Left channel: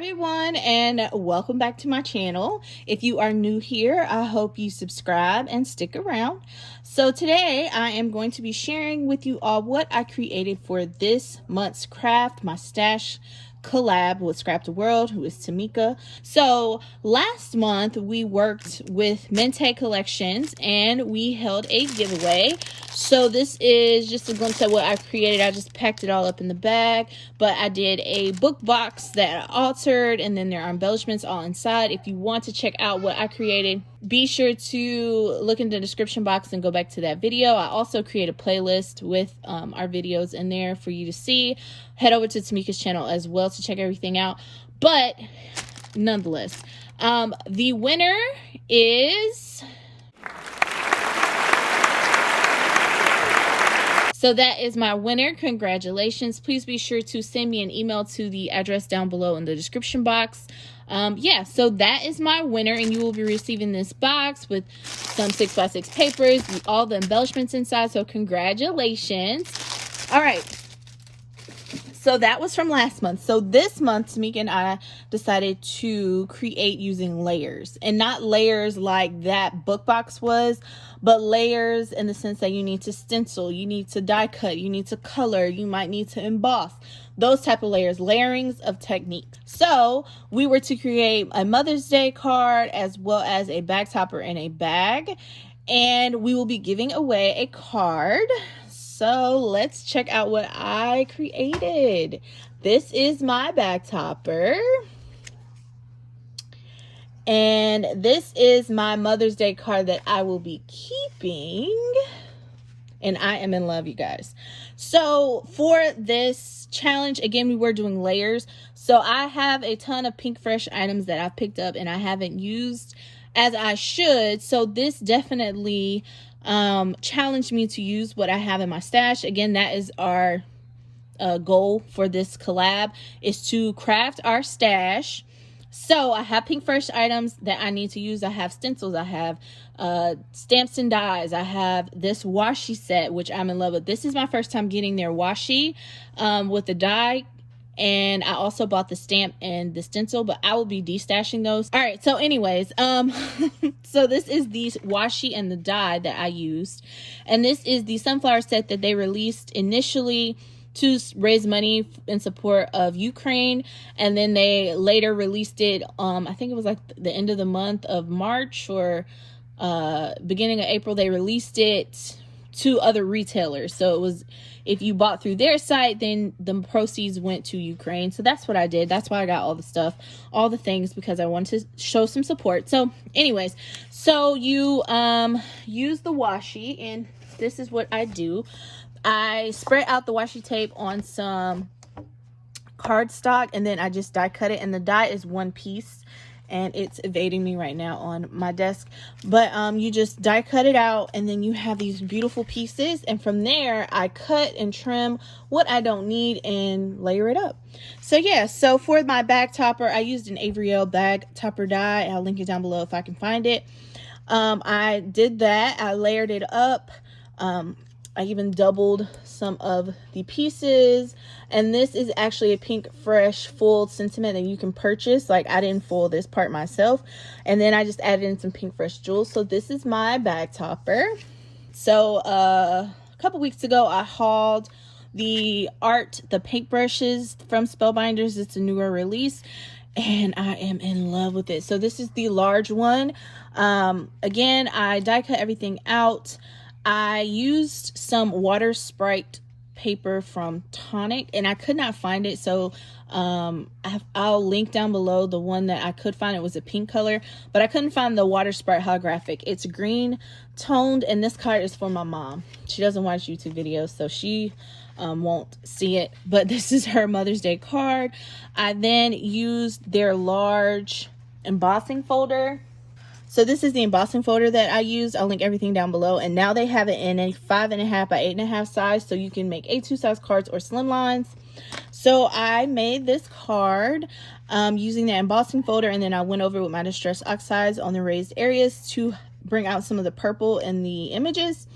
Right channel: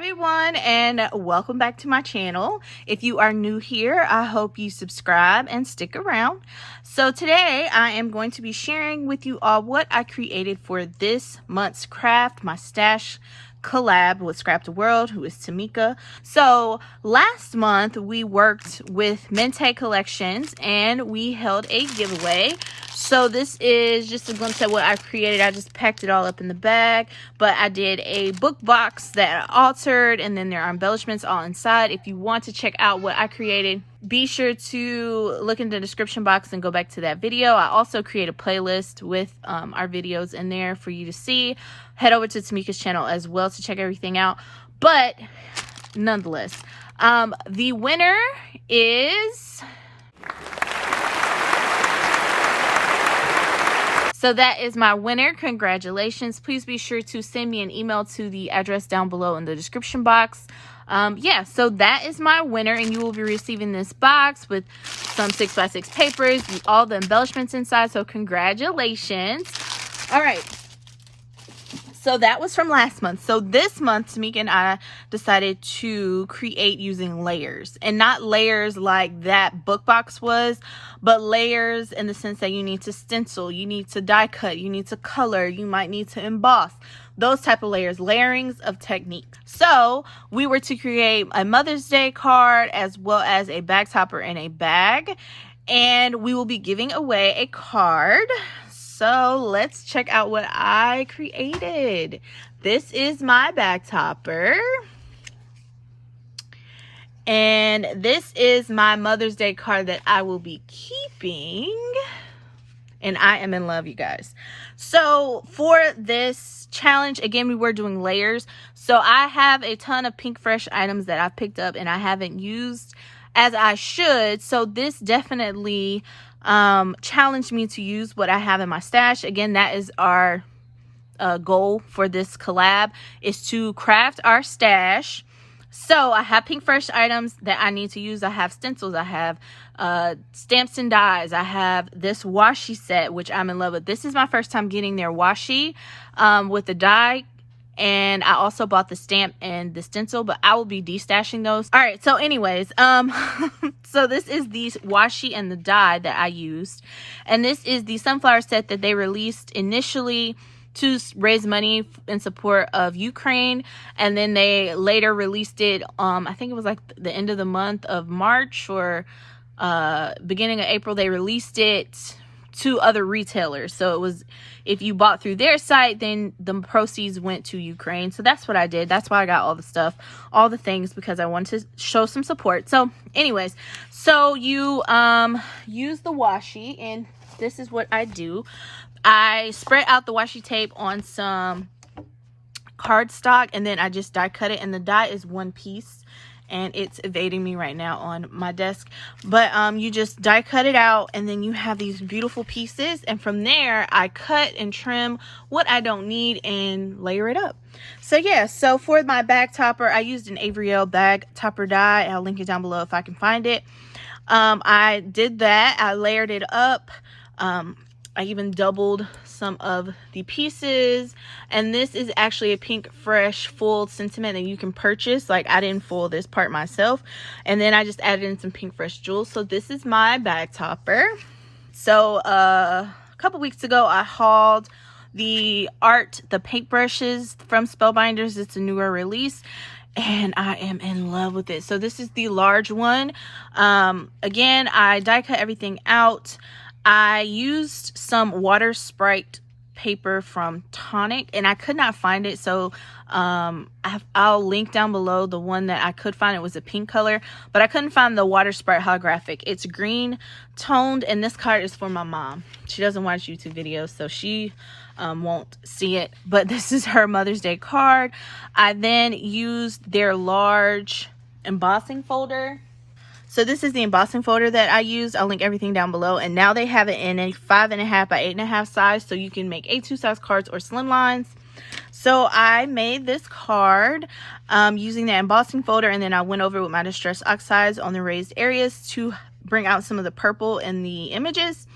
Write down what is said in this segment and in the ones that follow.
everyone, and welcome back to my channel. If you are new here, I hope you subscribe and stick around. So today I am going to be sharing with you all what I created for this month's craft, my stash collab with Scrapdaworld, who is Tamika. So last month we worked with Mente Collections and we held a giveaway. So this is just a glimpse at what I created. I just packed it all up in the bag, but I did a book box that I altered, and then there are embellishments all inside. If you want to check out what I created, be sure to look in the description box and go back to that video. I also create a playlist with our videos in there for you to see. Head over to Tamika's channel as well to check everything out. But nonetheless, the winner is... So that is my winner. Congratulations. Please be sure to send me an email to the address down below in the description box. Yeah, so that is my winner, and you will be receiving this box with some 6x6 papers, all the embellishments inside. So congratulations. All right. So that was from last month. So this month, Tamika and I decided to create using layers, and not layers like that book box was, but layers in the sense that you need to stencil, you need to die cut, you need to color, you might need to emboss, those type of layers, layerings of technique. So we were to create a Mother's Day card as well as a bag topper and a bag, and we will be giving away a card. So let's check out what I created. This is my bag topper. And this is my Mother's Day card that I will be keeping. And I am in love, you guys. So for this challenge, again, we were doing layers. So I have a ton of Pinkfresh items that I've picked up and I haven't used as I should. So this definitely challenged me to use what I have in my stash. Again, that is our goal for this collab, is to craft our stash. So I have Pinkfresh items that I need to use. I have stencils, I have stamps and dies, I have this washi set, which I'm in love with. This is my first time getting their washi with the die, and I also bought the stamp and the stencil, but I will be destashing those. All right, so anyways, so this is the washi and the die that I used, and this is the sunflower set that they released initially to raise money in support of Ukraine, and then they later released it, I think it was like the end of the month of March or beginning of April, they released it to other retailers. So it was, if you bought through their site, then the proceeds went to Ukraine. So that's what I did. That's why I got all the stuff, all the things, because I wanted to show some support. So anyways, so you use the washi, and this is what I do. I spread out the washi tape on some cardstock, and then I just die cut it, and the die is one piece, and it's evading me right now on my desk. But you just die cut it out, and then you have these beautiful pieces, and from there I cut and trim what I don't need and layer it up. So yeah, so for my bag topper, I used an Avriel bag topper die. I'll link it down below if I can find it. I did that. I layered it up. I even doubled some of the pieces, and this is actually a Pinkfresh full sentiment that you can purchase. Like, I didn't foil this part myself, and then I just added in some Pinkfresh jewels. So this is my bag topper. So a couple weeks ago I hauled the paintbrushes from Spellbinders. It's a newer release, and I am in love with it. So this is the large one. Again, I die cut everything out. I used some water sprite paper from Tonic, and I could not find it, so I'll link down below the one that I could find. It was a pink color, but I couldn't find the water sprite holographic. It's green toned, and this card is for my mom. She doesn't watch YouTube videos, so she won't see it, but this is her Mother's Day card. I then used their large embossing folder. So this is the embossing folder that I used. I'll link everything down below. And now they have it in a 5.5 by 8.5 size, so you can make A2 size cards or slim lines. So I made this card using the embossing folder, and then I went over with my distress oxides on the raised areas to bring out some of the purple in the images.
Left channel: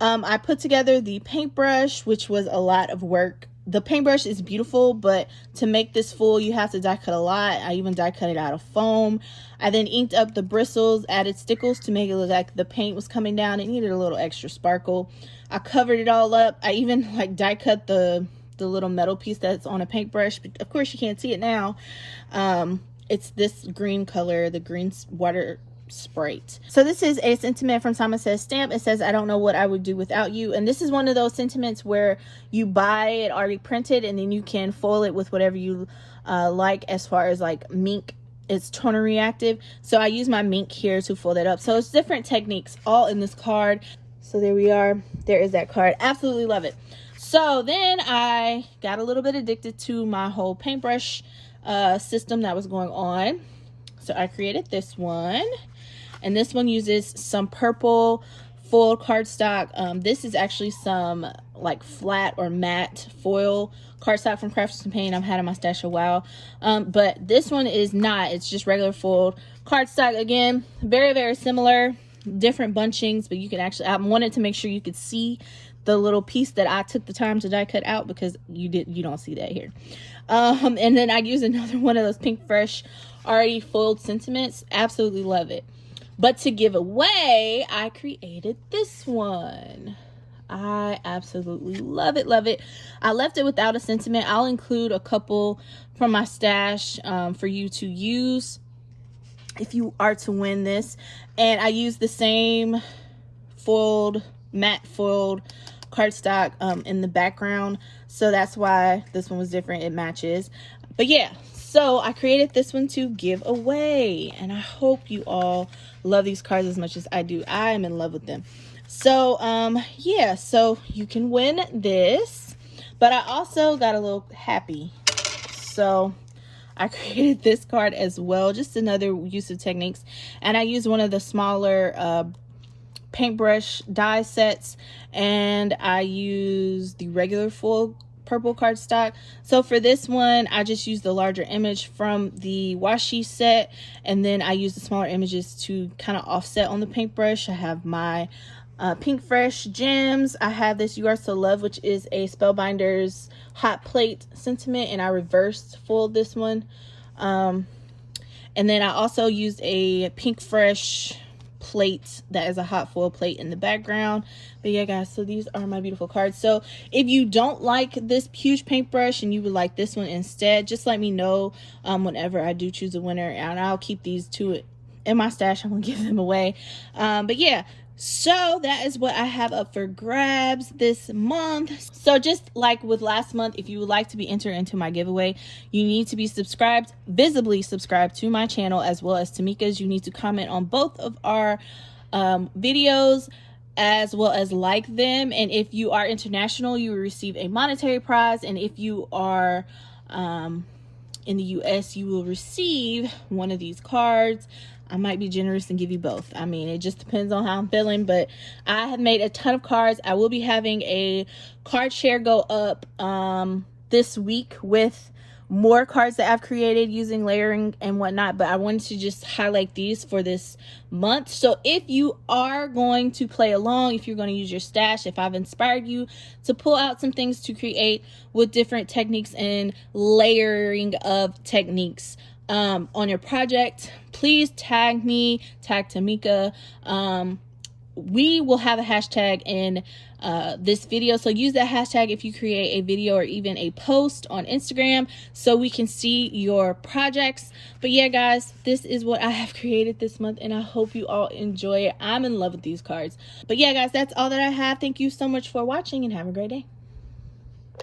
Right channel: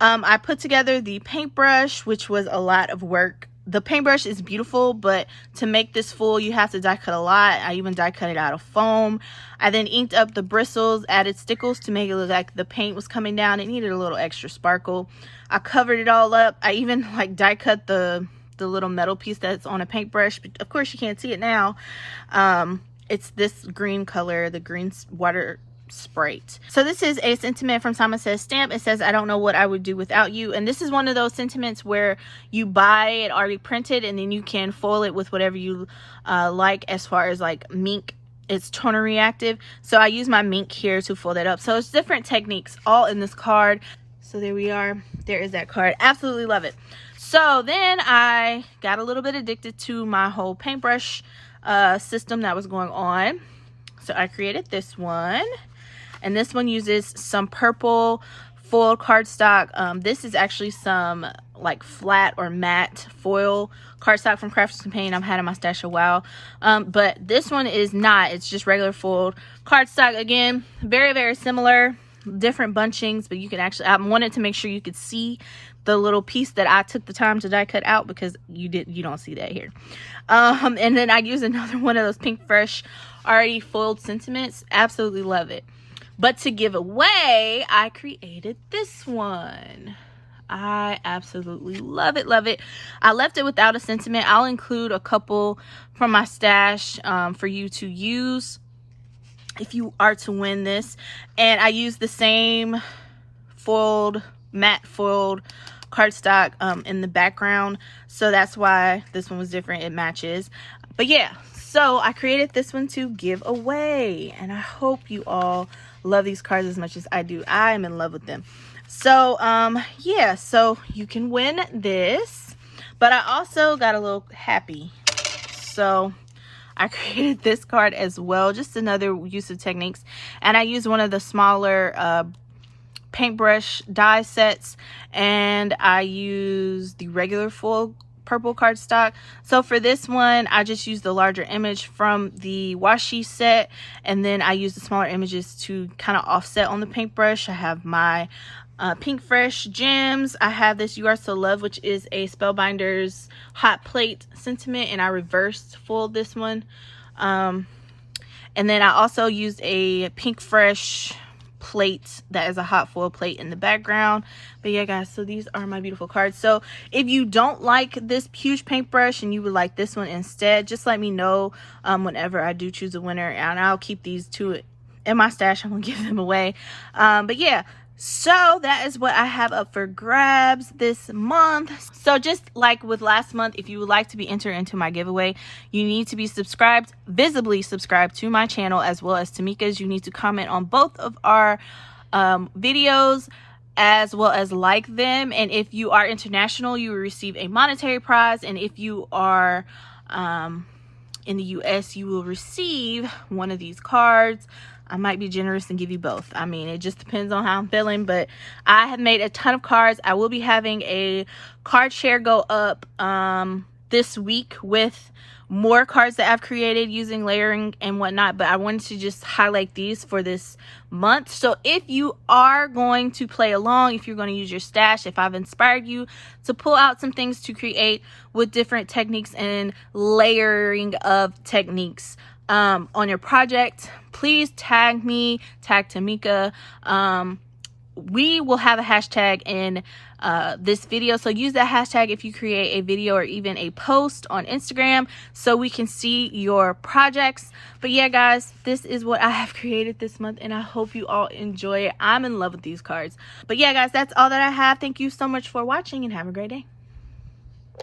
I put together the paintbrush, which was a lot of work. the paintbrush is beautiful, but to make this full, you have to die cut a lot. I even die cut it out of foam. I then inked up the bristles, added stickles to make it look like the paint was coming down. It needed a little extra sparkle. I covered it all up. I even like die cut the little metal piece that's on a paintbrush, but of course you can't see it now. It's this green color, the green water Sprite. So this is a sentiment from Simon Says stamp. It says, I don't know what I would do without you. And this is one of those sentiments where you buy it already printed and then you can foil it with whatever you like, as far as like mink. It's toner reactive, so I use my mink here to fold it up. So it's different techniques all in this card. So there we are. There is that card. Absolutely love it. So then I got a little bit addicted to my whole paintbrush system that was going on. So I created this one. And this one uses some purple foil cardstock. This is actually some like flat or matte foil cardstock from Crafts & Paint. I've had in my stash a while. But this one is not. It's just regular foiled cardstock. Again, very, very similar. Different bunchings, but you can actually, I wanted to make sure you could see the little piece that I took the time to die cut out, because you don't see that here. And then I use another one of those Pinkfresh already foiled sentiments. Absolutely love it. But to give away, I created this one. I absolutely love it, love it. I left it without a sentiment. I'll include a couple from my stash for you to use if you are to win this. And I use the same foiled, matte foiled cardstock in the background, so that's why this one was different. It matches. But yeah, so I created this one to give away, and I hope you all love these cards as much as I do. I am in love with them. So yeah, so you can win this. But I also got a little happy, so I created this card as well, just another use of techniques. And I used one of the smaller paintbrush die sets, and I used the regular full purple cardstock. So for this one, I just used the larger image from the washi set, and then I used the smaller images to kind of offset on the paintbrush. I have my Pinkfresh gems. I have this You Are So Loved, which is a Spellbinders hot plate sentiment, and I reversed foiled this one. And then I also used a Pinkfresh plate that is a hot foil plate in the background. But yeah guys, so these are my beautiful cards. So if you don't like this huge paintbrush and you would like this one instead, just let me know whenever I do choose a winner, and I'll keep these two in my stash. I'm gonna give them away. But yeah, so that is what I have up for grabs this month. So just like with last month, if you would like to be entered into my giveaway, you need to be subscribed, visibly subscribed to my channel, as well as Tamika's. You need to comment on both of our videos, as well as like them. And if you are international, you will receive a monetary prize. And if you are in the US, you will receive one of these cards. I might be generous and give you both. I mean, it just depends on how I'm feeling, but I have made a ton of cards. I will be having a card share go up this week with more cards that I've created using layering and whatnot, but I wanted to just highlight these for this month. So if you are going to play along, if you're going to use your stash, if I've inspired you to pull out some things to create with different techniques and layering of techniques on your project, please tag me, tag Tamika. We will have a hashtag in this video, so use that hashtag if you create a video or even a post on Instagram, so we can see your projects. But yeah guys, this is what I have created this month, and I hope you all enjoy it. I'm in love with these cards. But yeah guys, that's all that I have. Thank you so much for watching, and have a great day.